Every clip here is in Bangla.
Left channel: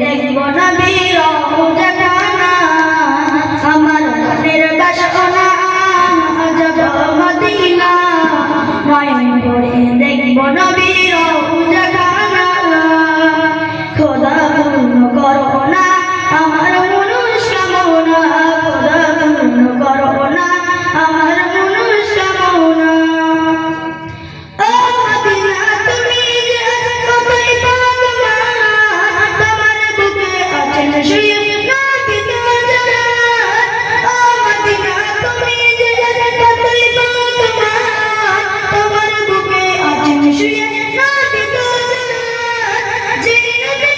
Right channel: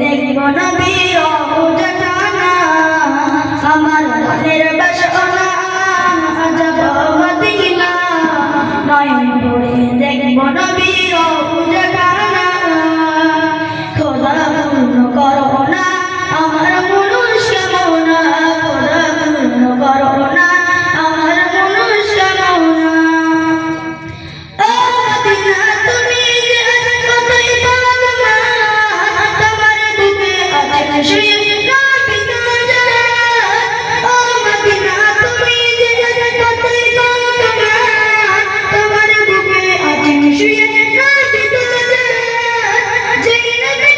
দেখব নবীর রওজা খানা আমার মনের বাসনা যাব মদিনা নয়ন ভরে দেখব নবীর রওজা খানা খোদা পূর্ণ করো না আমার মনস্কামনা খোদা পূর্ণ করো না আমার মনস্কামনা ও মদিনা তুমি যে কতই ভাগ্যবান তোমার বুকে আছেন শুয়ে নবী তাজরা ও মদিনা তুমি যে কতই ভাগ্যবান তোমার বুকে আছেন শুয়ে নবী তাজরা যেই নবী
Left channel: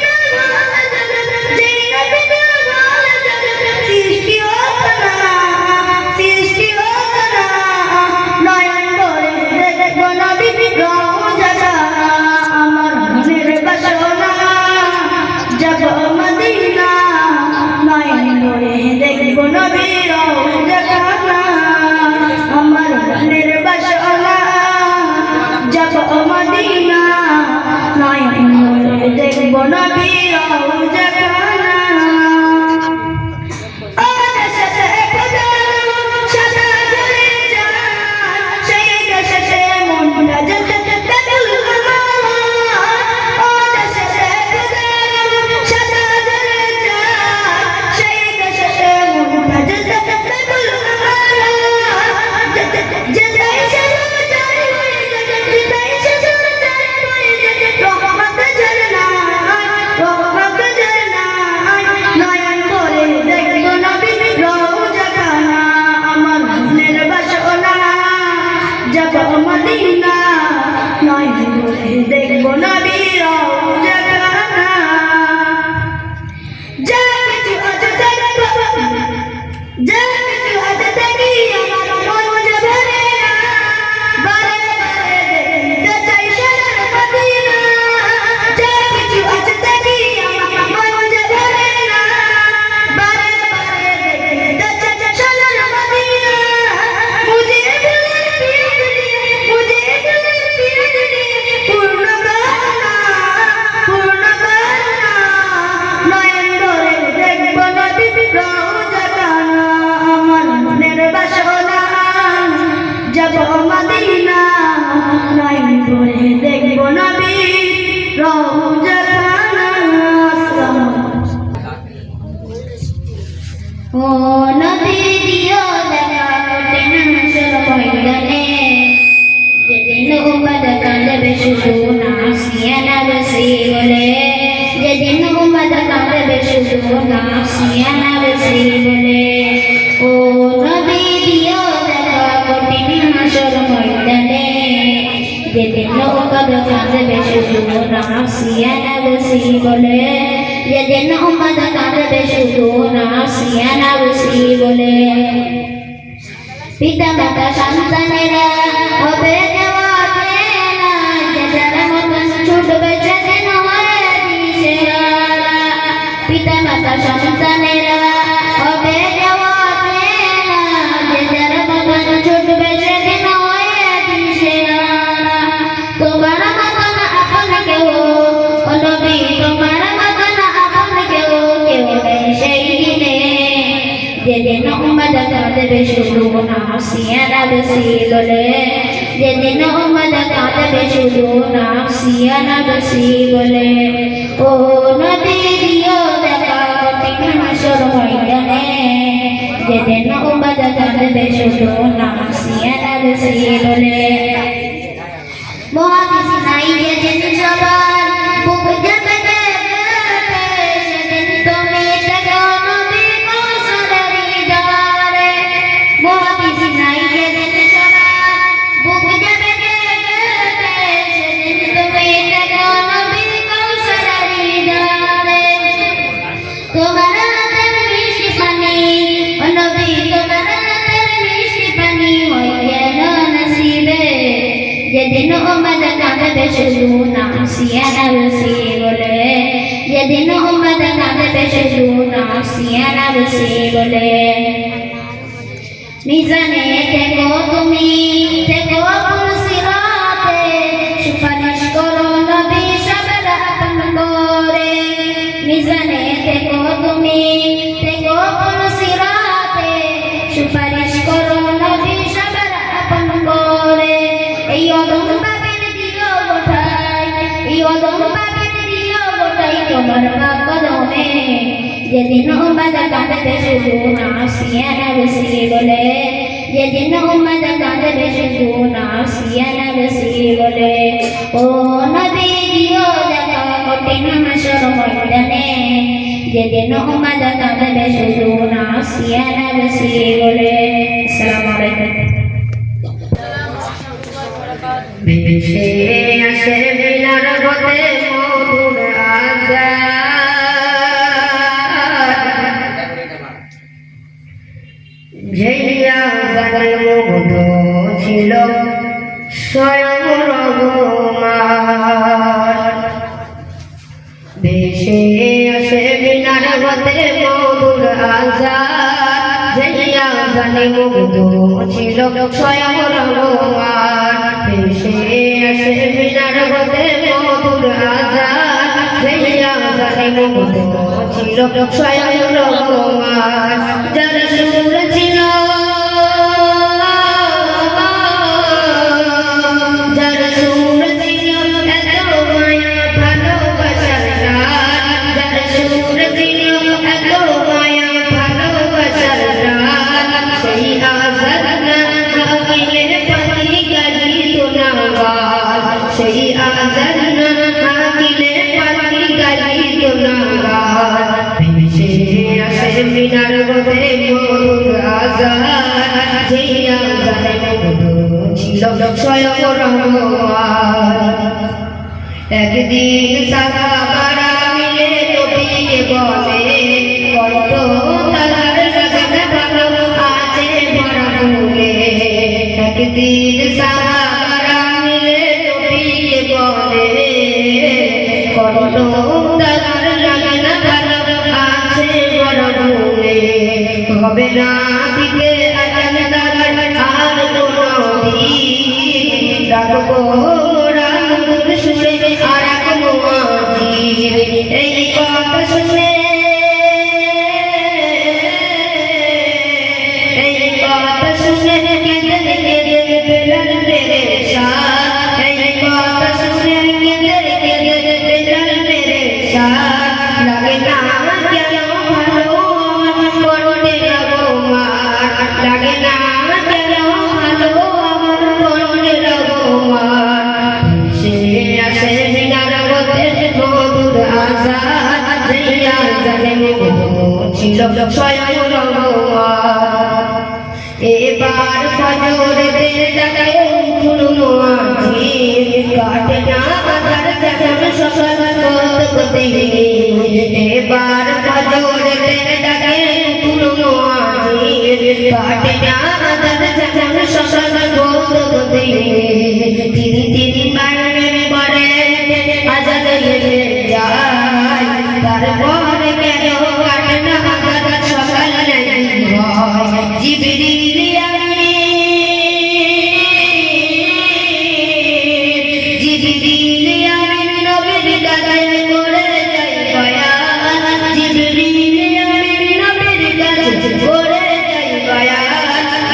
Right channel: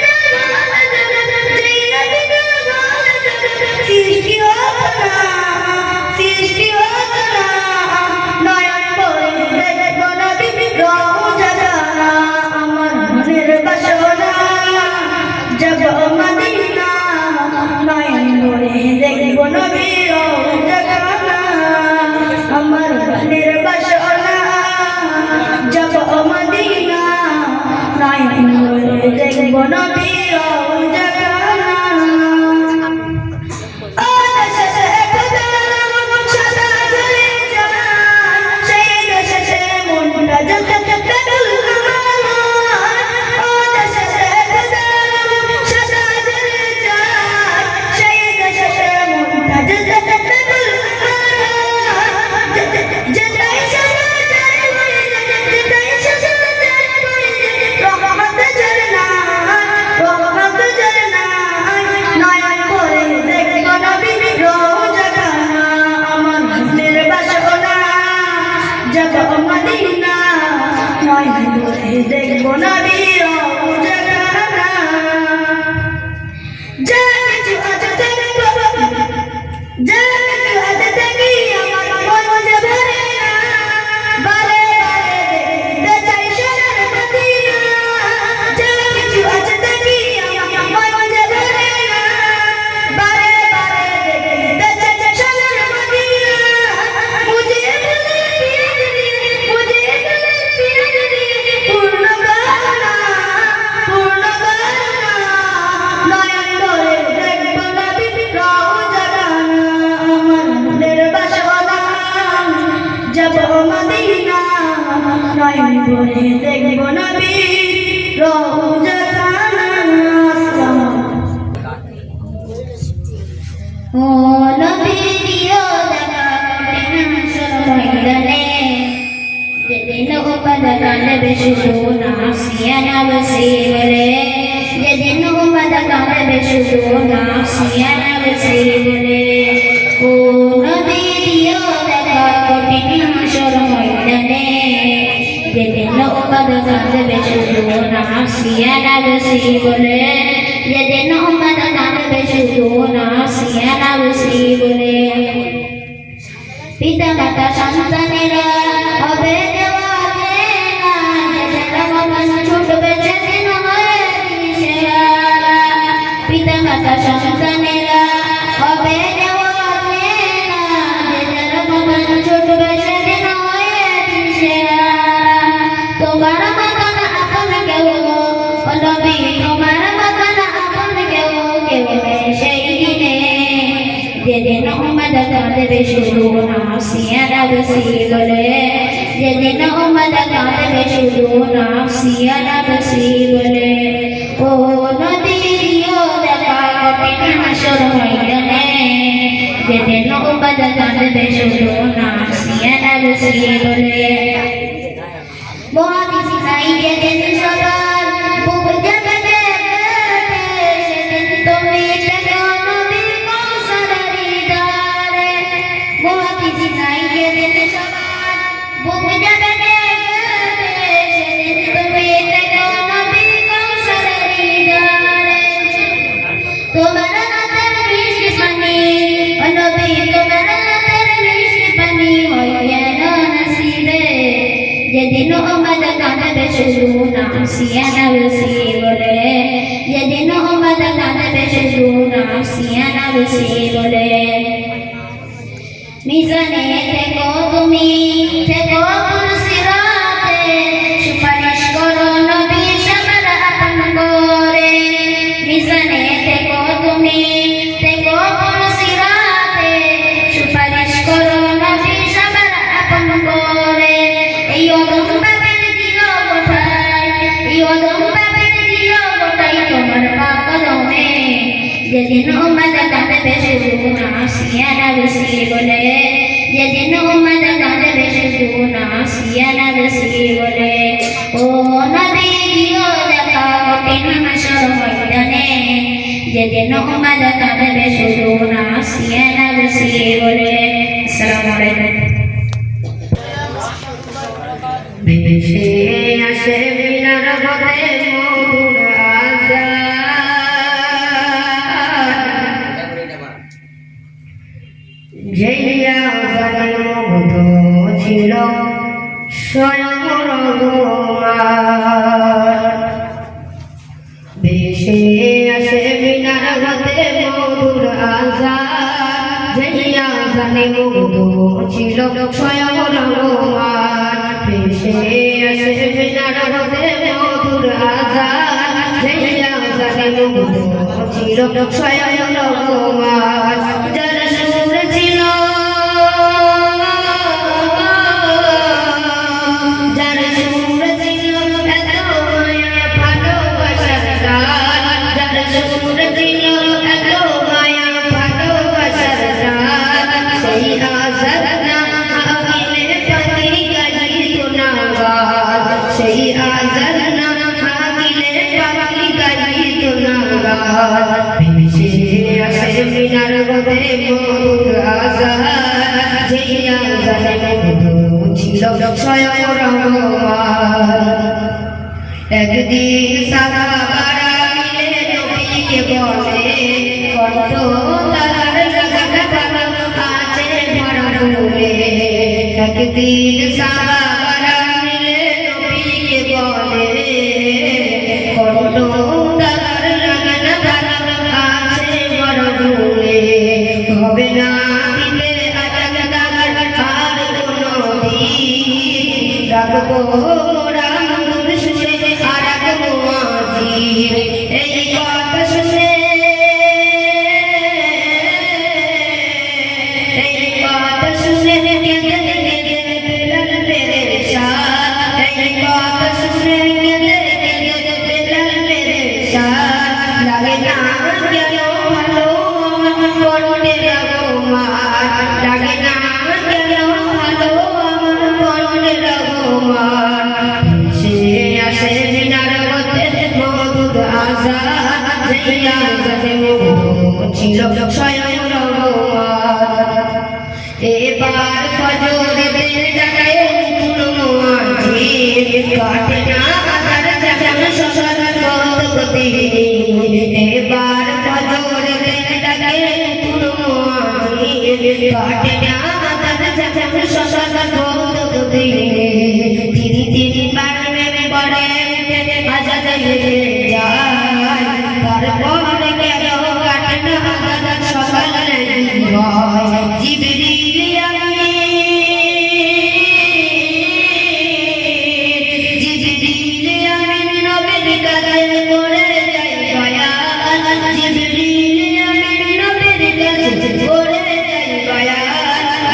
সৃষ্টি হোক না নয়ন ভরে দেখব নবীর রওজা খানা আমার মনের বাসনা যাব মদিনা নয়ন ভরে দেখব নবীর রওজা খানা আমার মনের বাসনা যাব মদিনা নয়ন ভরে দেখব নবীর রওজা খানা যাব মদিনা নয়ন ভরে দেখব নবীর রওজা খানা যা কিছু আছে দেখব যা কিছু আছে দেখি আমার মন যে ভরে না বারে বারে দেখতে চাই সোনার মদিনা যা কিছু আছে দেখি আমার মন যে ভরে না বারে বারে দেখতে চাই সোনার মদিনা পূর্ণ করুণা নয়ন ভরে দেখব নবীর রওজা খানা আমার মনের বাসনা যাব মদিনা নয়ন ভরে দেখব নবীর রওজা খানা ও নবী দিও দেখা কঠিন হাসর ময়দানে যেদিন উম্মত কাঁদবে শুধু নাফসিয়া নাফসি বলে যেদিন উম্মত কাঁদবে শুধু নাফসিয়া নাফসি বলে ও নবী দিও দেখা কঠিন হাসর ময়দানে যেদিন উম্মত কাঁদবে শুধু নাফসিয়া নাফসি বলে যেদিন উম্মত কাঁদবে শুধু নাফসিয়া নাফসি বলে পিতা মাতা সন্তানেরা হবে পিতা মাতা সন্তানেরা হবে ছুটবে সেদিন হয়ে তোমার মতন আপন কেউ নবী তোমার মতন আপন কেউ সেই দিনে যেদিন উম্মত কাঁদবে শুধু নাফসিয়া নাফসি বলে যেদিন উম্মত কাঁদবে শুধু নাফসিয়া নাফসি বলে ও নবী দিও দেখা কঠিন হাসর ময়দানে যেদিন উম্মত কাঁদবে শুধু নাফসিয়া নাফসি বলে মহাদিস নাই যেদিন সবার বুক যাবে সেদিন তুমি দেখো নবী কৌশলের দ্বারে মহাদিস নাই যেদিন সবার বুক যাবে সেদিন তুমি দেখো নবী কৌশলের দ্বারে তোমার হাতের মিষ্টি পানি ও নবী তোমার হাতের মিষ্টি পানি হইয়া নসিবে যেদিন উম্মত কাঁদবে শুধু নাফসিয়া নাফসি বলে যেদিন উম্মত কাঁদবে শুধু নাফসিয়া নাফসি বলে মিজানে থেকো তুমি থেকো সুপারিশ করো নবী সবার আপন করে কদম পাবেন দিও গোটাই তোমার পাক কদমে যেদিন উম্মত কাঁদবে শুধু নাসিয়া নফসি বলে যেদিন উম্মত কাঁদবে শুধু নাসিয়া নফসি বলে ও নবী দিও দেখা কঠিন হাসর ময়দানে যেদিন উম্মত কাঁদবে শুধু নাসিয়া নফসি বলে। আসসালামু আলাইকুম। ভেসে আসে মিনার পথে মধুর আযান যেই আযানের মুগ্ধ ছিল স্বয়ং রহমান। ভেসে আসে মিনার পথে মধুর আযান যেই আযানে মুগ্ধ ছিল স্বয়ং রহমান। ভেসে আসে মিনার পথে মধুর আযান যেই আযানে মুগ্ধ ছিল স্বয়ং রহমান। যার সুর ছিল যার সুর ছিল এত মায়া ভালোবাসার গান যার সুর ছিল এত মায়া ভালোবাসার গান সেই আযান না আমিনের পাখি গাইতো না গান সেই আযান না আমিনের পাখি গাইতো না গান। ভেসে আসে মিনার পথে মধুর আযান যেই আযানে মুগ্ধ ছিল স্বয়ং রহমান। একদিন সাহাবারা মিলে নবীকে বলে কত তারার লাগানো আছে ভরা ফুলে। একদিন সাহাবারা মিলে নবীকে বলে কত তারার লাগানো আছে ভরা ফুলে। হবে না দিতে আজান তারার আর কোনদিন রাখবো রামধুর সুরে আর কোনো আজির। এই কথা শুনে এই কথা শুনে কেঁদে কেঁদে বেলাল পেরেশান। এই কথা শুনে কেঁদে কেঁদে বেলাল পেরেশান। লাগে না কেন ভালো আমার মরণের অপমান লাগে না কেন ভালো আমার মরণের অপমান। ভেসে আসে মিনার পথে মধুর আযান যেই আযানে মুগ্ধ ছিল স্বয়ং রহমান। এবার ফজরের জাগায় উঠল মুয়াজ্জিন কাটে না আযান জাগান সকাল কত দিন। এবার ফজরের জাগায় উঠল মুয়াজ্জিন কাটে না আযান জাগান সকাল কত দিন। তিনি তিনবার পরে আযান লেগে যায় তারপরে কেন কাটে না আযান সকাল লেগে হয়। জিবরিল আমিন নবীর কাছে করে যায় বয়ান জিবরিল আমিন নবীর কাছে করে যায় বয়ান।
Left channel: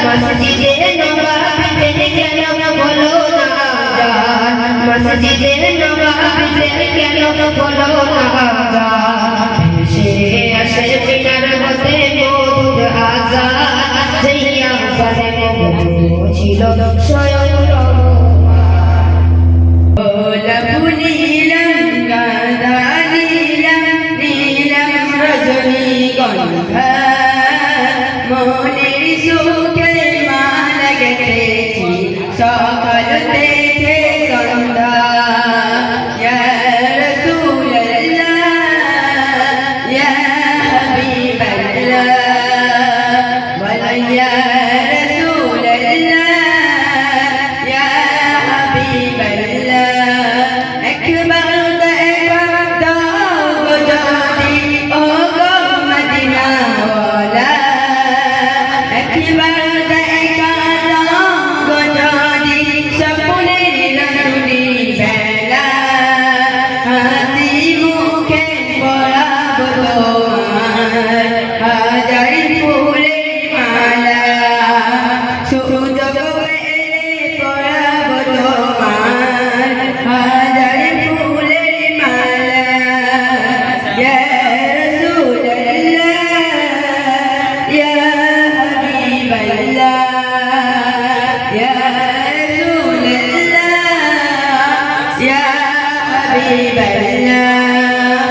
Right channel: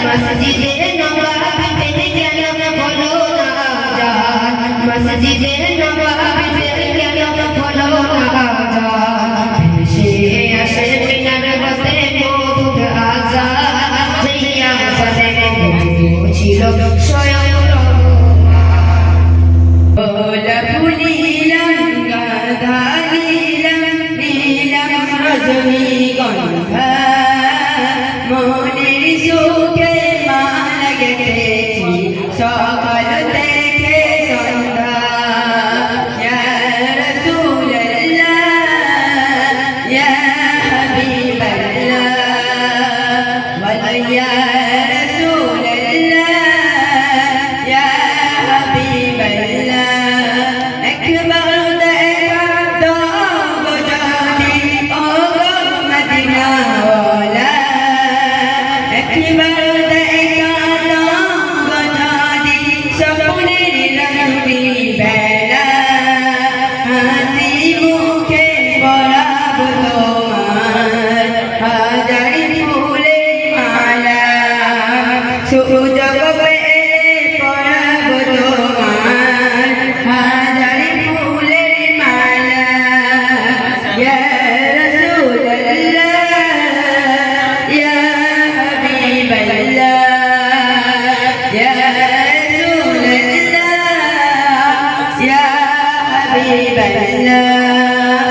মসজিদে নববীতে কেন বলো না আযান মসজিদে নববীতে কেন বলো না আযান। ভেসে আসে মিনার পথে মধুর আযান যেই আযানে মুগ্ধ ছিল স্বয়ং রহমান। গোলাপ নীলম গাধা নীলম নীলম রজনীগন্ধা মনের সুখে মালা গেঁথেছি সকাল থেকে সন্ধ্যা। ইয়া রাসূলুল্লাহ ইয়া হাবিবাল্লাহ ওয়া ইয়া রাসূলুল্লাহ ইয়া হাবিবাল্লাহ। একবার দেখা দাও গো যদি ও গো মদিনা ওয়ালা একবার হাবিবাল্লাহ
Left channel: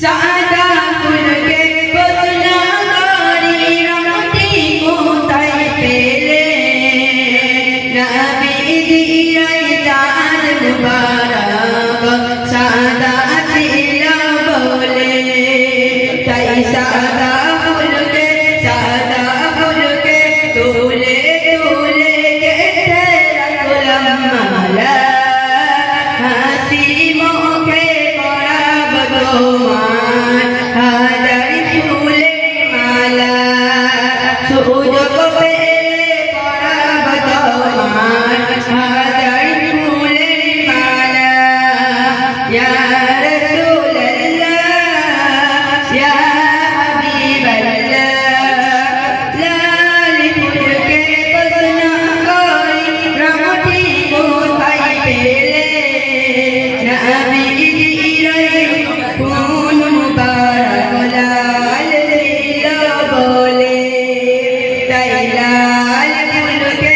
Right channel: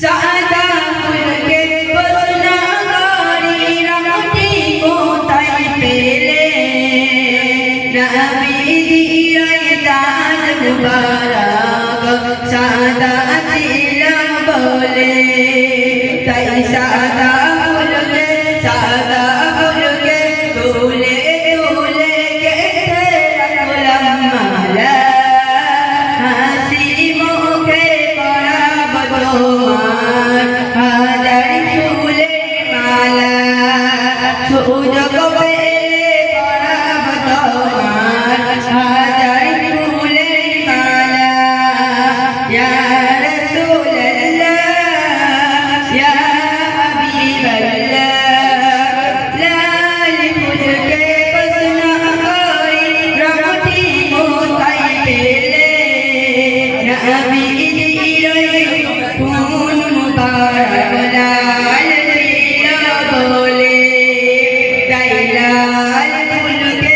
সাদা ফুলকে বসনা গাড়ি রামটি কোথায় পেলে নবীজি রায়দার মুবারক সাদা ছিল বলে তাই সাদা ফুলকে তুলে তুলে গেতে রাখলাম মালা হাসি মুখে পরাব তোমার হাজার ফুলের মালা সুযোগ পেলে পরাব তোমার হাজার ফুলের মালা ইয়া রাসূলুল্লাহ ইয়া হাবিবাল্লাহ লাল ফুলকে বসনা করি রামটি কোথায় পেলে নবীজি কোন মুবারক লাল ছিল বলে তাই লাল ফুলকে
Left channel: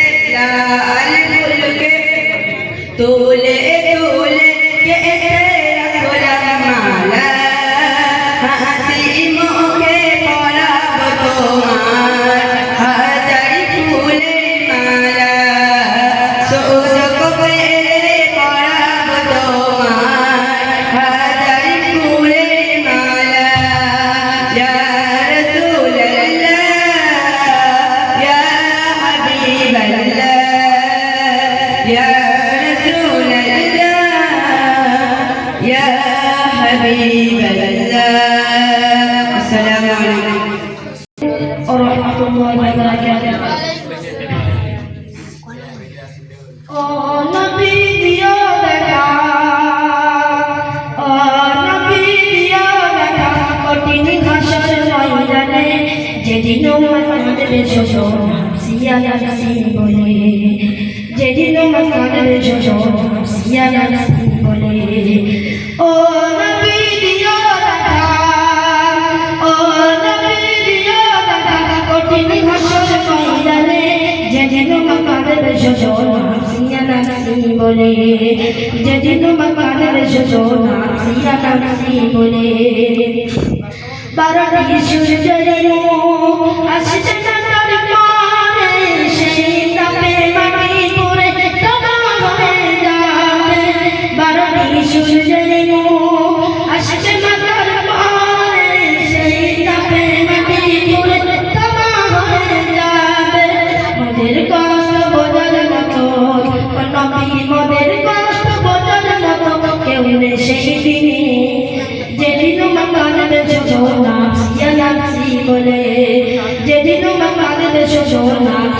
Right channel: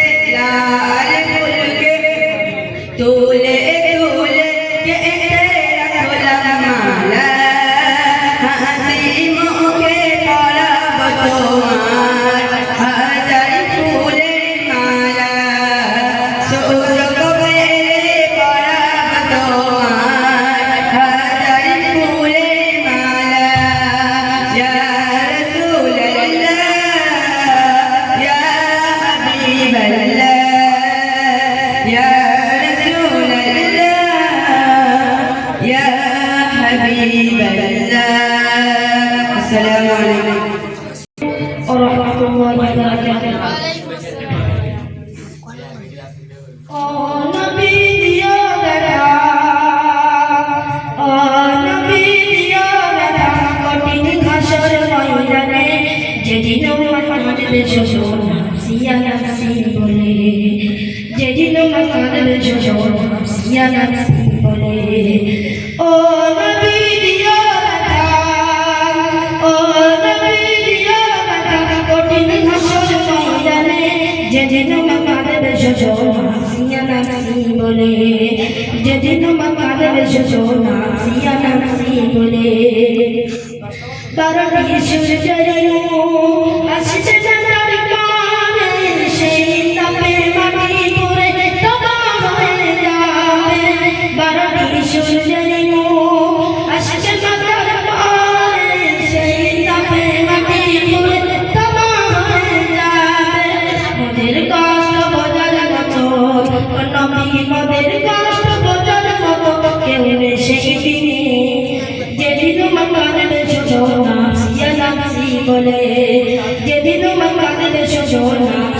তুলে তুলে গেতে রাখলাম মালা হাসি মুখে পরাব তোমার হাজার ফুলের মালা সুযোগ পেলে পরাব তোমার হাজার ফুলের মালা ইয়া রাসূলুল্লাহ ইয়া হাবিবাল্লাহ ইয়া রাসূলুল্লাহ ইয়া হাবিবাল্লাহ আসসালামু আলাইকুম ورحمة الله وبركاته. ও নবী দিও দেখা, ও নবী দিও দেখা, কঠিন হাসর ময়দানে যেদিন আমাদের ছোট সিয়া নাসি বলে, যেদিন আমাদের ছোট সিয়া নাসি বলে, ও নবী দিও দেখা, ও নবী দিও দেখা, কঠিন হাসর ময়দানে যেদিন আমাদের ছোট সিয়া নাসি বলে, যেদিন আমাদের ছোট সিয়া নাসি বলে, বারোটি সূর্যের আসছে না তার পানে, সেই তাপে মাটি পড়ে তবাহ হয়ে যাবে। বারোটি সূর্যের আসছে না তার পানে, সেই তাপে মাটি পড়ে তবাহ হয়ে যাবে। মোদের কষ্ট বোঝার মতো নবী, মোদের কষ্ট বোঝার মতো কেউ নেই সেই দিনে, যেদিন আমাদের ছোট সিয়া নাসি বলে, যেদিন আমাদের ছোট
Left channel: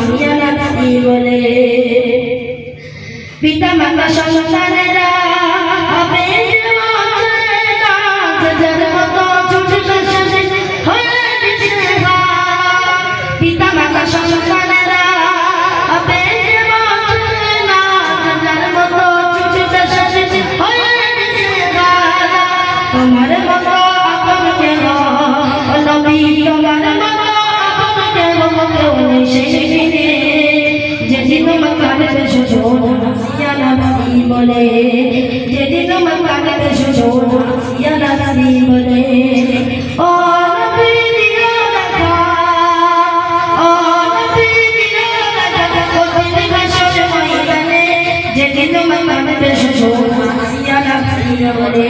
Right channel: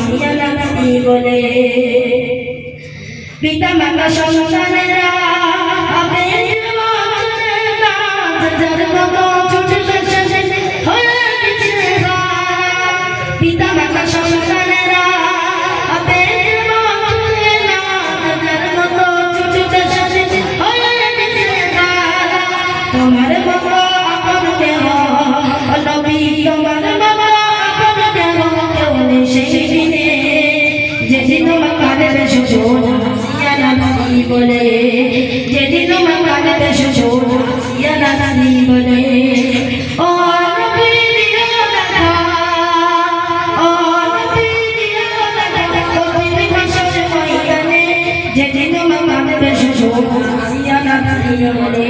সিয়া নাসি বলে। পিতা মাতা সন্তানেরা আবেগ মাঝে নাচ যার মতো ছুটে ছুটে হয়ে দিছে হারা। পিতা মাতা সন্তানেরা আবেগ মাঝে নাচ যার মতো ছুটে ছুটে হয়ে দিছে হারা। তোমার মতো আপন কেহ ও নবী, তোমার মতো আপন কেহ কেউ নেই সেই দিনে, যেদিন আমাদের ছোট সিয়া নাসি বলে, যেদিন আমাদের ছোট সিয়া নাসি বলে। ও নবী দিও দেখা, ও নবী দিও দেখা, কঠিন হাসর ময়দানে যেদিন আমাদের ছোট সিয়া নাসি বলে,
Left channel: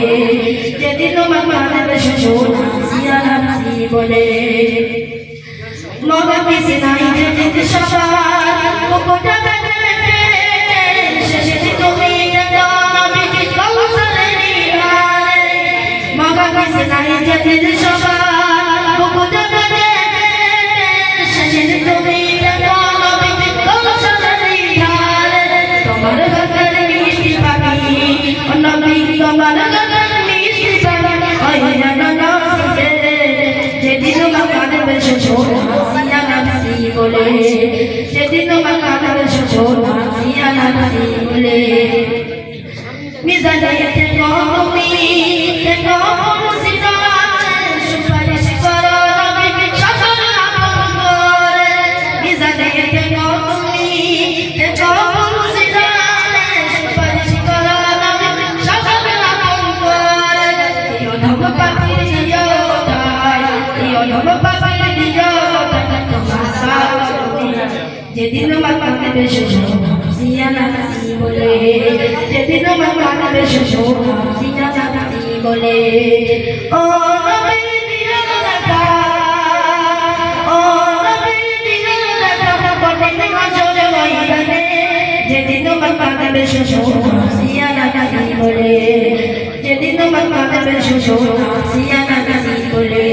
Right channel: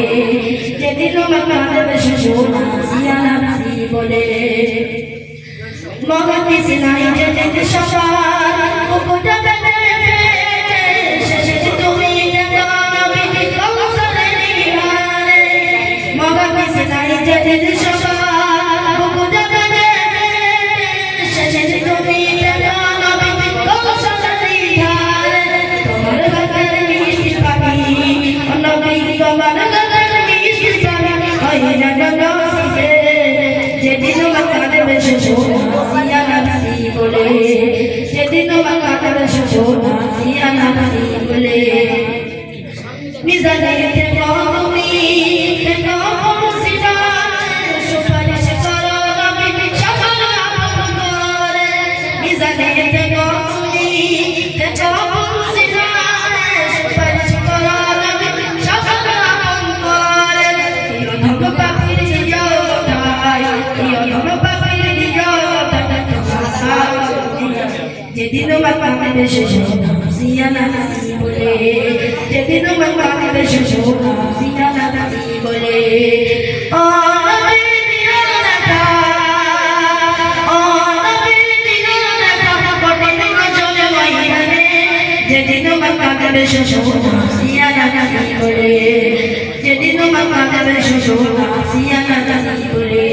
যেদিন আমাদের ছোট সিয়া নাসি বলে। মগা কিসে নাই যেদিন সবার মুকুটটা বেঁধে শেষে তুমি নবী কৌশলের নিহারে। মগা কিসে নাই যেদিন সবার মুকুটটা বেঁধে শেষে তুমি নবী কৌশলের নিহারে। তোমার হাতের মিষ্টি পাখি ও নবী, তোমার হাতের মিষ্টি পাখি ওই জানা নসিবে, যেদিন আমাদের ছোট সিয়া নাসি বলে, যেদিন আমাদের ছোট সিয়া নাসি বলে। মিজানে থেকো তুমি, থেকো মুর্শিদাতে, সুপারিশ করো নবী সকল আপন করে। মিজানে থেকো তুমি, থেকো মুর্শিদাতে, সুপারিশ করো নবী সকল যেদিন মাকামে বেশি সিয়ানা নাসি বলে যেদিন মাকামে বেশি সিয়ানা নাসি বলে ও নবী দিনাতা ও নবী দিনাতা কঠিন মাঝে ময়দানে যেদিন মাকামে বেশি সিয়ানা নাসি বলে যেদিন মাকামে বেশি সিয়ানা নাসি বলে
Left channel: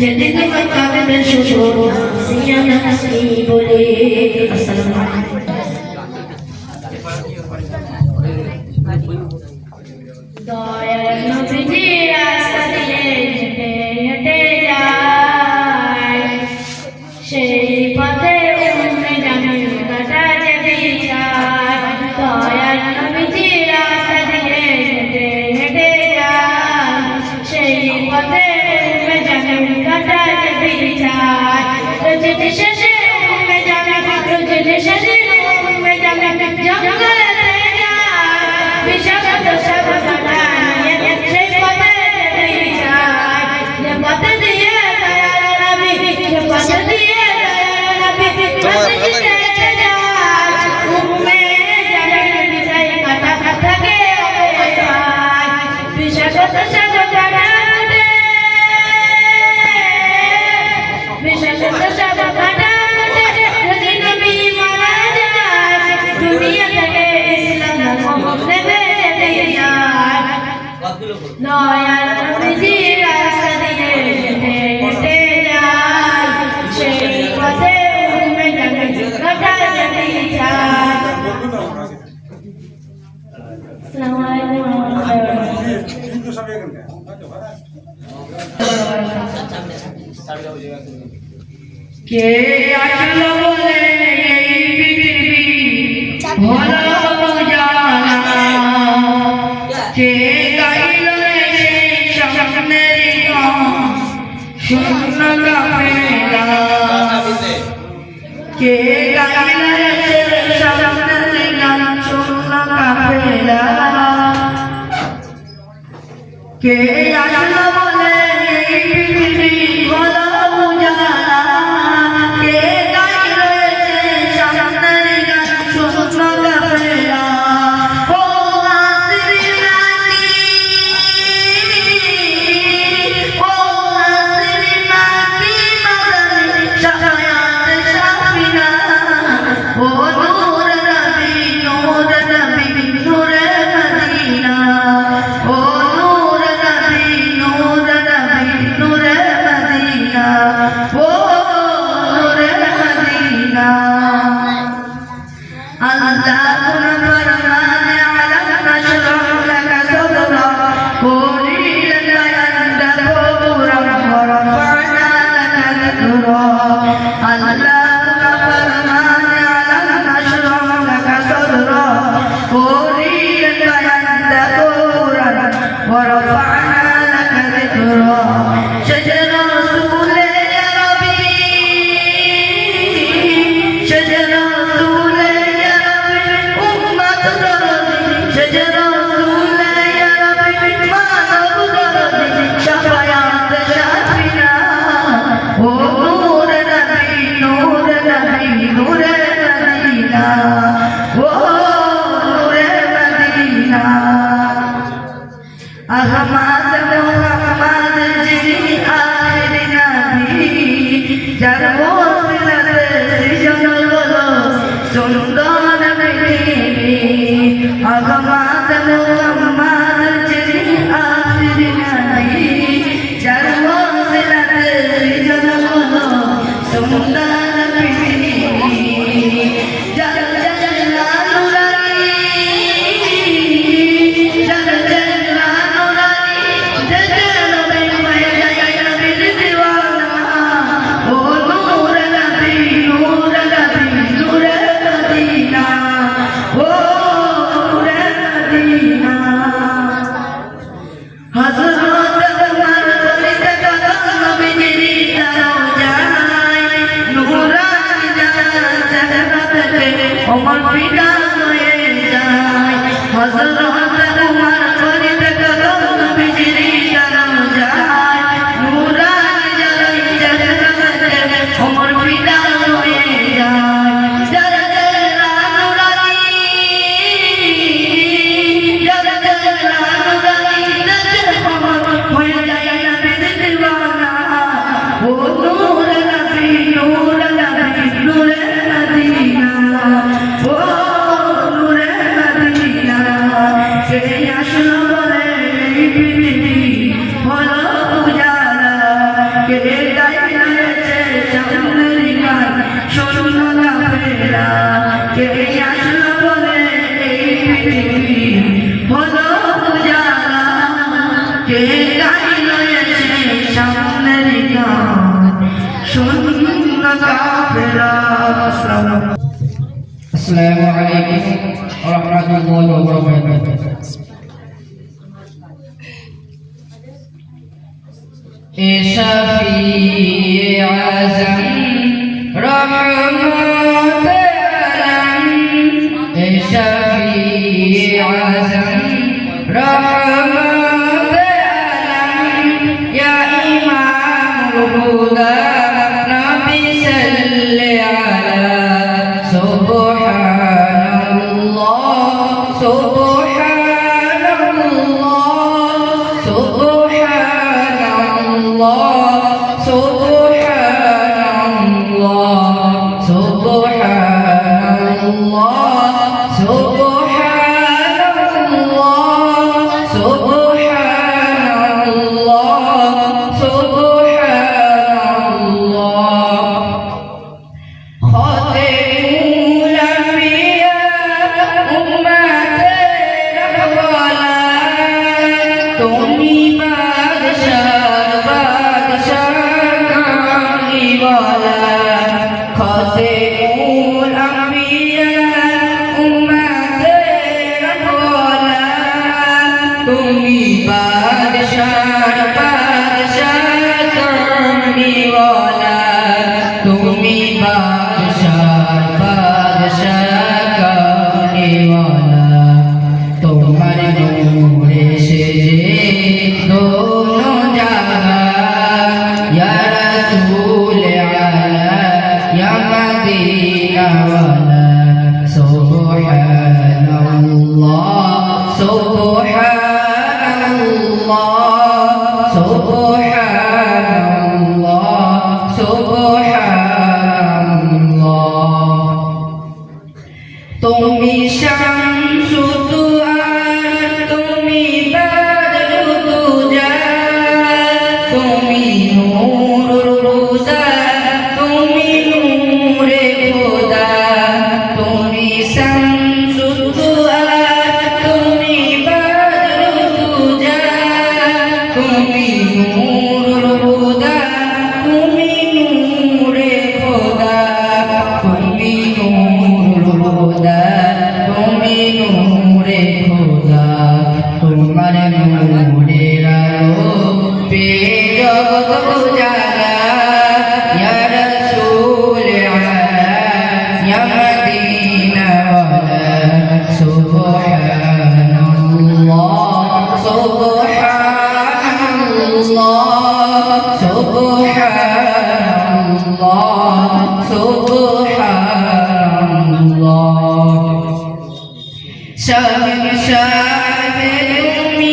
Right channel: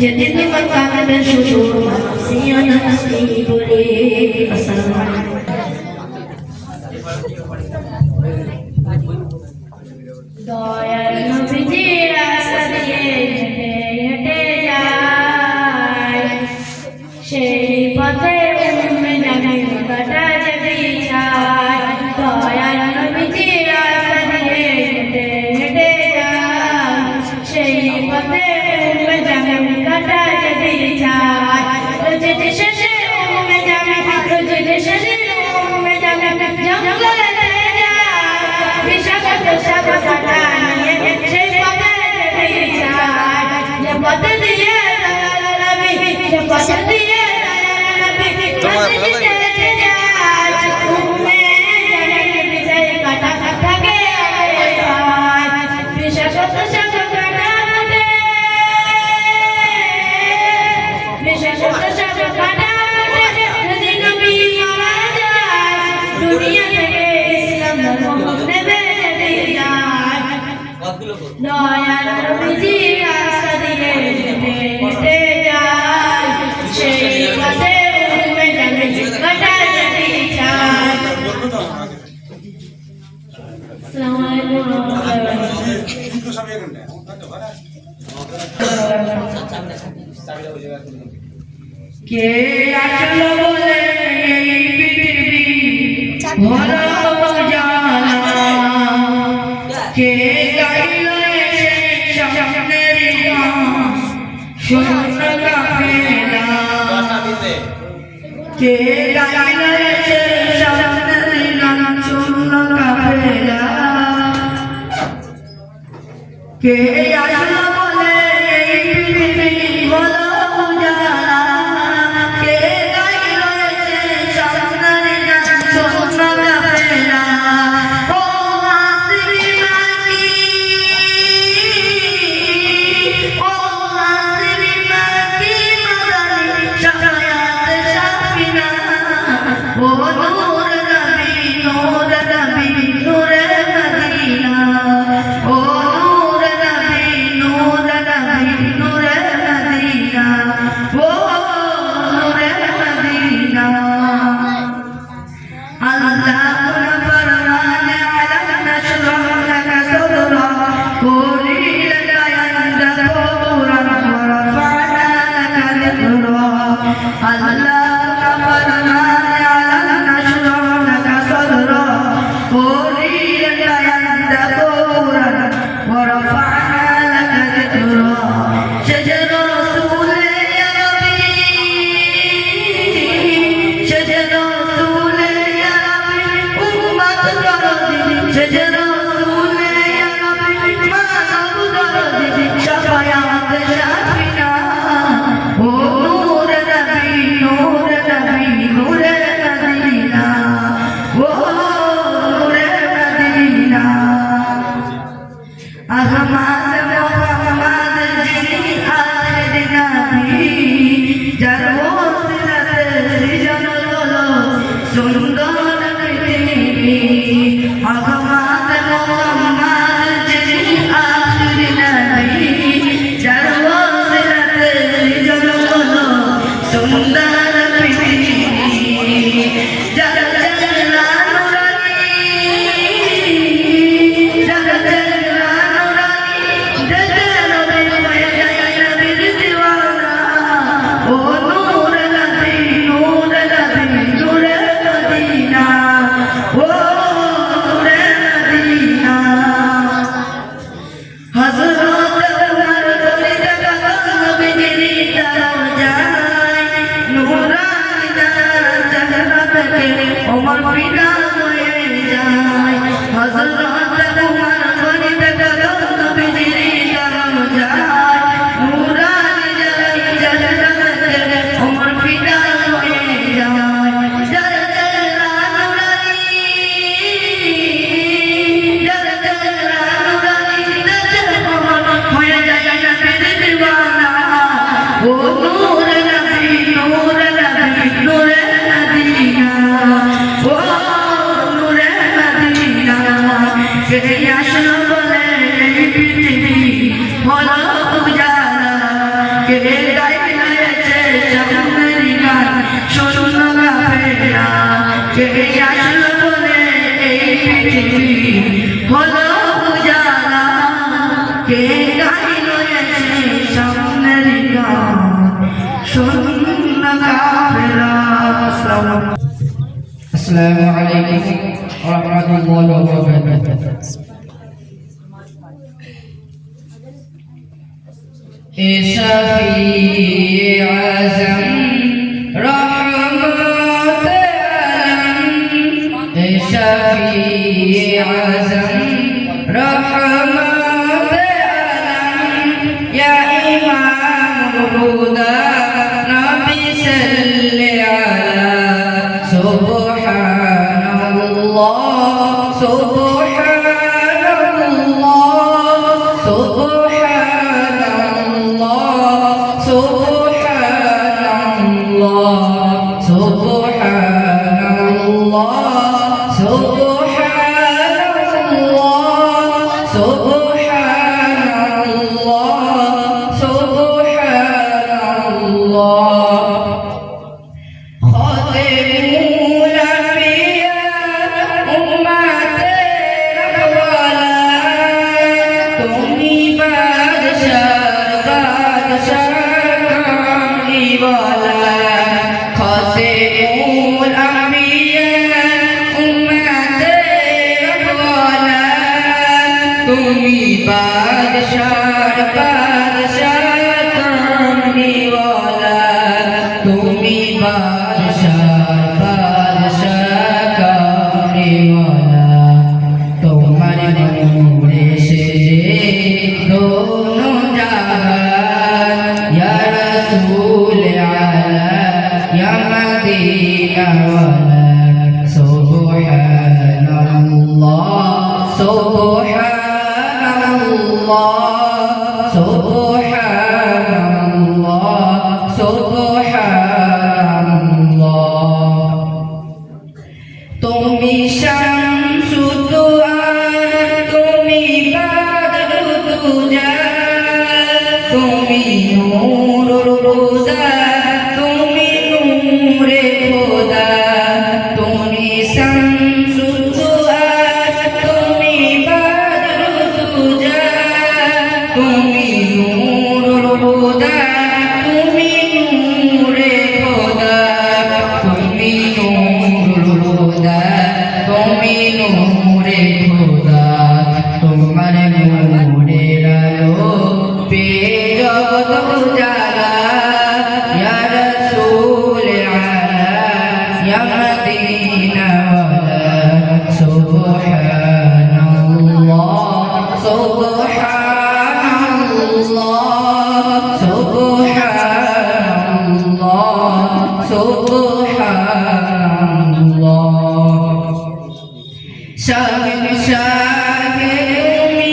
যেদিন মাকামে বেশি সিয়ানা নাসি বলে আসসালামু আলাইকুম দয়াল নবীজি রাস্তা দিয়ে হেঁটে হেঁটে যায় সেই পথে উম্মে জামিল কাটা যে বিছায় দয়াল নবীজি রাস্তা দিয়ে হেঁটে হেঁটে যায় সেই পথে উম্মে জামিল কাটা যে বিছায় রোজের শেষে উম্মে জামিল রোজের শেষে উম্মে জামিল জঙ্গলে বিষাক্ত সাপ কাটা নিয়ে সেই পথে যেতে যায় যে পথে দিয়ে নবী যে পথে দিয়ে নবী তোমার ভালো লাগে উম্মে জামিল বিজয় কাটা থাকে বিষাক্ত সাপ কাটা মুটে বিষাক্ত সাপ কাটা মুটে যদি নবী মারা যায় দুনিয়া থেকে ইসলাম ধর্ম নেবে দয়াল নবীজি রাস্তা দিয়ে হেঁটে হেঁটে যায় সেই পথে উম্মে জামিল কাটা যেতে চায় আসসালামু আলাইকুম কে আসলো বলে এই পৃথিবী হলো জানা কে গাইলো এসে সামনের গান শূন্য কাফেলা কে গাইলো এসে সামনের গান শূন্য কাফেলা কে আসলো বলে এই পৃথিবী হলো জানা কে গাইলো এসে সামনের গান শূন্য কাফেলা ও আসরি নাকি ও আসরি নাকি মাদানি শায়াত শাফিনা ও নূর নবী নূরে মদিনা ও নূর নবী নূরে মদিনা ও নূরে মদিনা আল্লাহ ফরমানে আলাম নাশরাহ লাকা সাদরা কুলি লাকা ইয়ানদাকুরা ওয়া রাফা'না লাকা যিকরা আল্লাহ ফরমানে আলাম নাশরাহ লাকা সাদরা কুলি লাকা ইয়ানদাকুরা ওয়া রাফা'না লাকা যিকরা শাজরা রাসূলে ইয়া নবী শাজরা রাসূলে ইয়া নবী উম্মত দরদি শাজরা রাসূলে ইয়া নবী মানব দরদি শাফায়াত শাফিনা ও নূর নবী নূরে মদিনা ও নূরে মদিনা আহমদ পৃথিবী হলো উজালা কে গাইছে সামনের গান শূন্য কাফেলা কে আসলো বলে এই পৃথিবী হলো উজালা কে গাইলো এসে সামনের গান শূন্য কাফেলা। আসসালামু আলাইকুম ওয়া রাহমাতুল্লাহি ওয়া বারাকাতুহু। এ শাফিয়ে আযম রহমত আলম, এ শাফিয়ে আযম রহমত আলম, ইয়া ইমামুল হুদা নবী সাল্লি আলা সুবহানাল্লাহ সুবহানাল্লাহ সুবহানাল্লাহ সুবহানাল্লাহ সুবহানাল্লাহ সুবহানাল্লাহ সুবহানাল্লাহ সুবহানাল্লাহ। খাতেমুল আম্বিয়া উম্মতের রহওয়ালা, তুমি বাদশাহ কামলিওয়ালা। খাতেমুল আম্বিয়া উম্মতের রহওয়ালা, তুমি বাদশাহ কামলিওয়ালা। তুমি বাদশাহ কামলিওয়ালা। তোমার নূরে সেজে দোনো জাহান, ইয়া রাসূল আলা ইয়া মদিনাওয়ালা। সুবহানাল্লাহ সুবহানাল্লাহ সুবহানাল্লাহ সুবহানাল্লাহ। তুমি শামসুদ দুআ, তুমি বাদরুদ দুজা, তুমি নূরুল হুদা, তুমি নূরে খোদা। তুমি শামসুদ দুআ, তুমি বাদরুদ দুজা, তুমি নূরুল হুদা, তুমি নূরে খোদা। তুমি নূরুল হুদা, তুমি নূরে খোদা। তোমার নূরের আলো পেয়ে জগৎ উজালা, ইয়া রাসূল আলা ইয়া মদিনাওয়ালা। সুবহানাল্লাহ সুবহানাল্লাহ সুবহানাল্লাহ সুবহানাল্লাহ। শাহে তুমি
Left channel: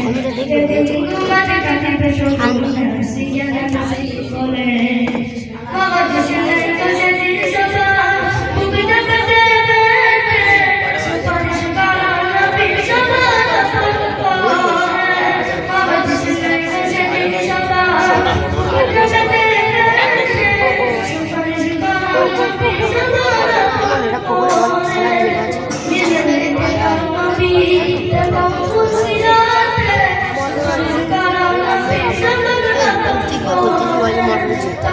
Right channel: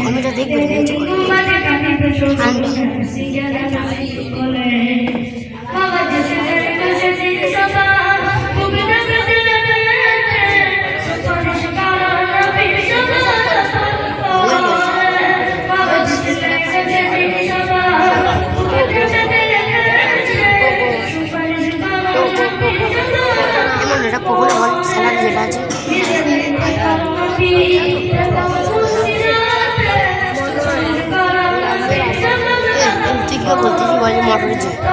কমিটা দেখবে এটা কখন আমার স্যালারি যেটা আছে ঠিক বলতে বলে মোটরের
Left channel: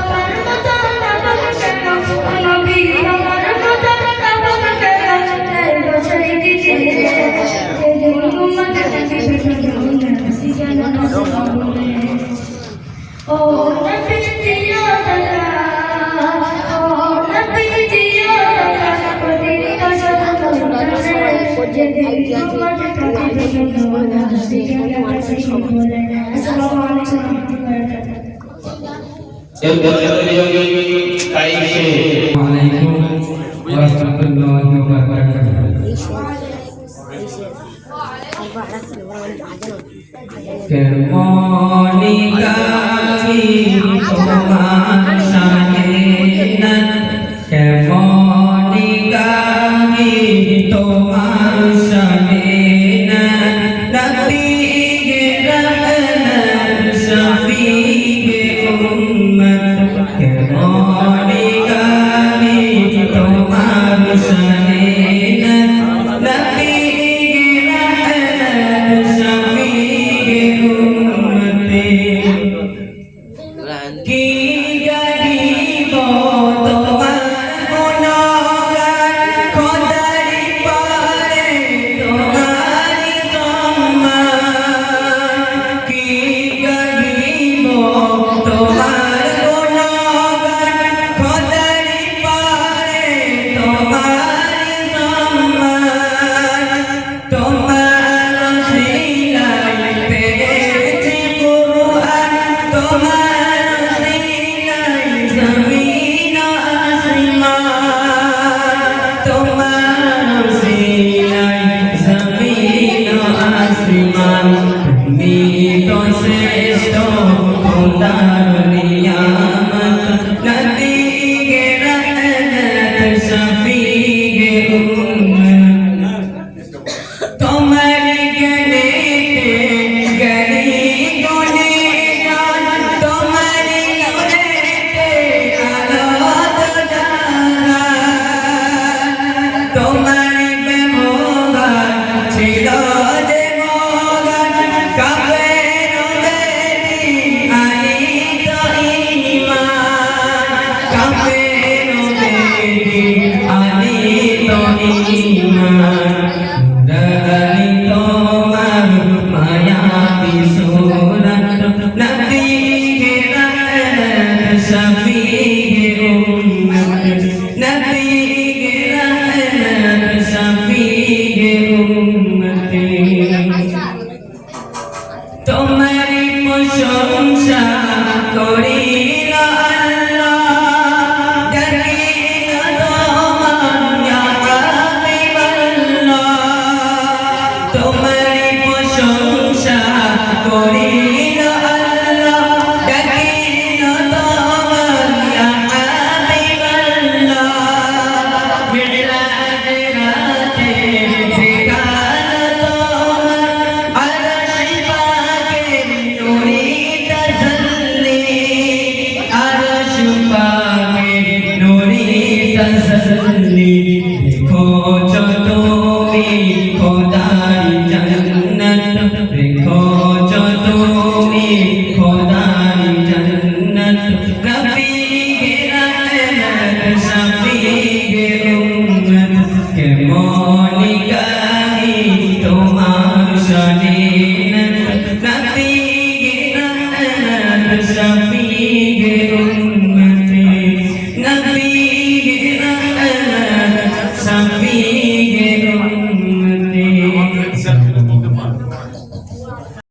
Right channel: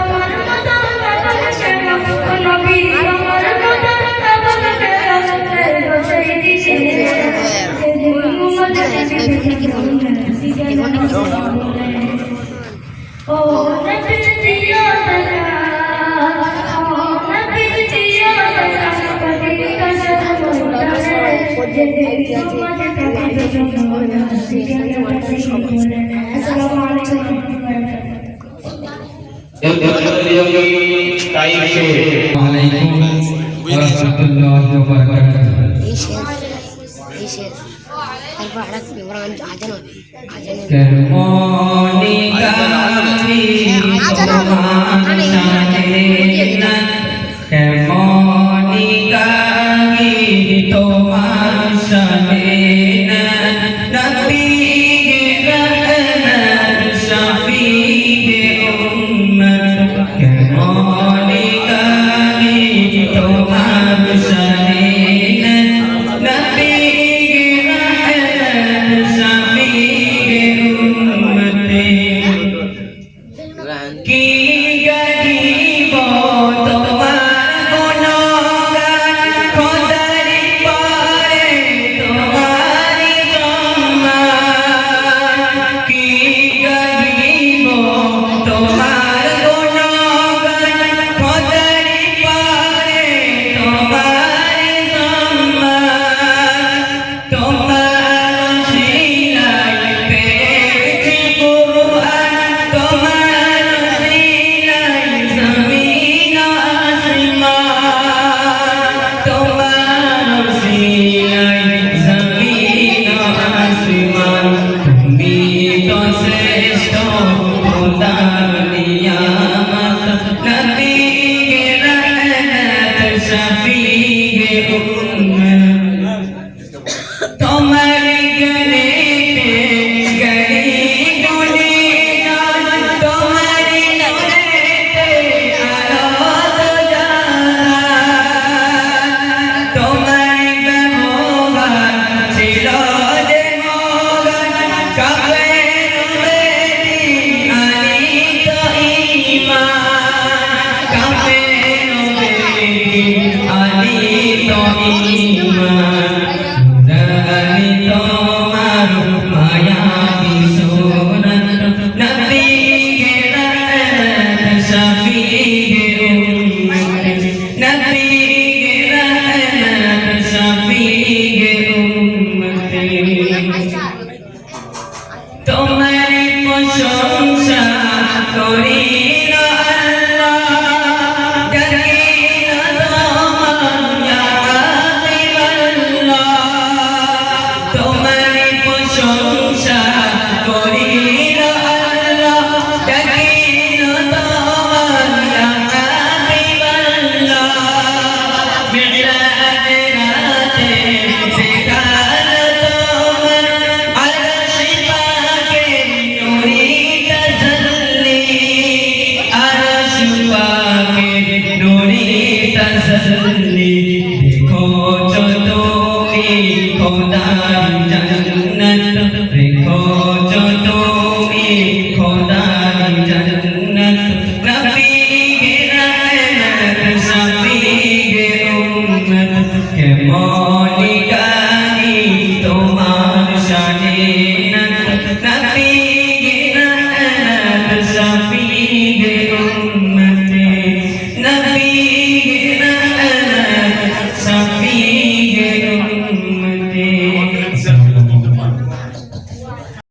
शफीए उम्मत